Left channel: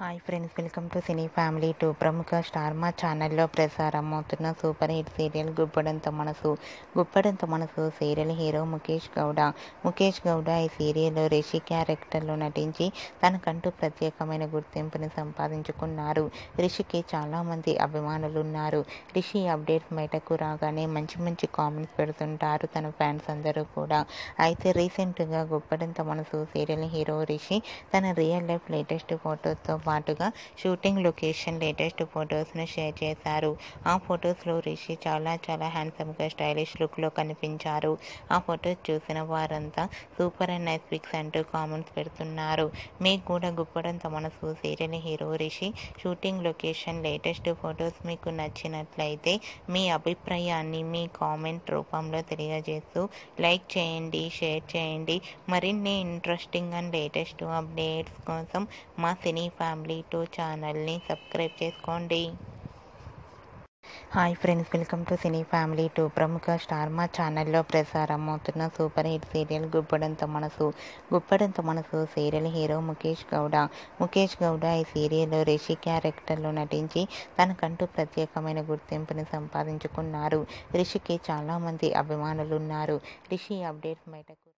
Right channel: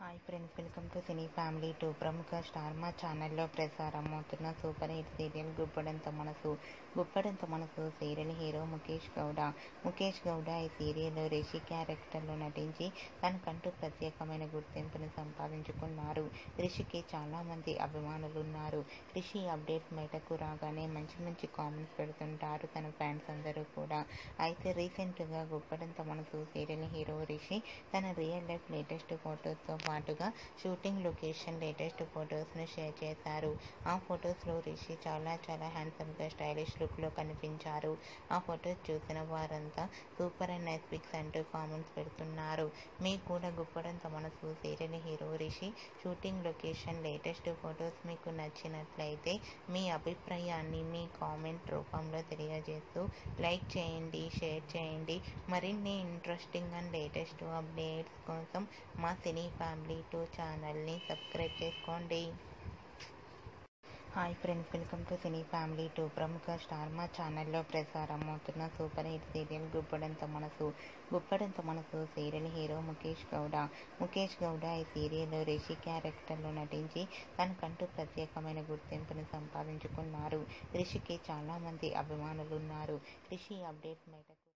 Hi friends, welcome to cine family 2. ప్రముఖ star మా ఛానల్లో ప్రసారమవుతున్న సూపర్ హిట్ సీరియల్ గుప్పడంత మనసు సీరియల్ హీరో ముఖేష్ గౌడ ఈ సీరియల్లో రిషి క్యారెక్టర్లో నటించి తనకంటూ ప్రత్యేకమైన గుర్తింపుని సంపాదించుకున్నారు. రిషికి చాలామంది అభిమానులు ఉన్నారు. రిషి అప్డేట్స్ బయటకు రాగానే మంచి కామెంట్స్ పెడుతుంటారు తన ఫ్యాన్స్ అందరూ కూడా. అయితే రీసెంట్గా గుప్పడంత మనసు సీరియల్ హీరో రిషి తన రియల్ లైఫ్ లేటెస్ట్ ఫోటోతో పాటుగా షూటింగ్ లొకేషన్ లేటెస్ట్ ఫొటోస్ను షేర్ చేశారు. ఆ ఫొటోస్లో రిషి చాలా హ్యాండ్సమ్గా స్టైలిష్ లుక్లో కనిపించారు. ఆ ఫొటోస్ చూసిన వారంతా సూపర్ అండ్ నైస్ పిక్స్ అంటూ కామెంట్స్ పెడుతున్నారు. మీకు కూడా గుప్పడంత మనసు serial hero Rishi shooting location latest photos మీకు నచ్చినట్లయితే మీ అభిప్రాయాన్ని మీ కామెంట్ రూపంలో తెలియజేస్తూ లైక్ చేయండి, షేర్ చేయండి. మరిన్ని ఇంట్రెస్టింగ్ అండ్ లేటెస్ట్ అప్డేట్స్ కోసం మా సినీ ఫ్యామిలీ 2 ఛానల్ని సబ్స్క్రైబ్ చేసుకోండి. Hi friends, welcome to cine family 2. ప్రముఖ స్టార్ మా ఛానల్లో ప్రసారమవుతున్న సూపర్ హిట్ సీరియల్ గుప్పడంత మనసు సీరియల్ హీరో ముఖేష్ గౌడ ఈ సీరియల్లో రిషి క్యారెక్టర్లో నటించి తనకంటూ ప్రత్యేకమైన గుర్తింపుని సంపాదించుకున్నారు. రిషికి చాలామంది అభిమానులు ఉన్నారు. రిషి అప్డేట్స్ బయటకు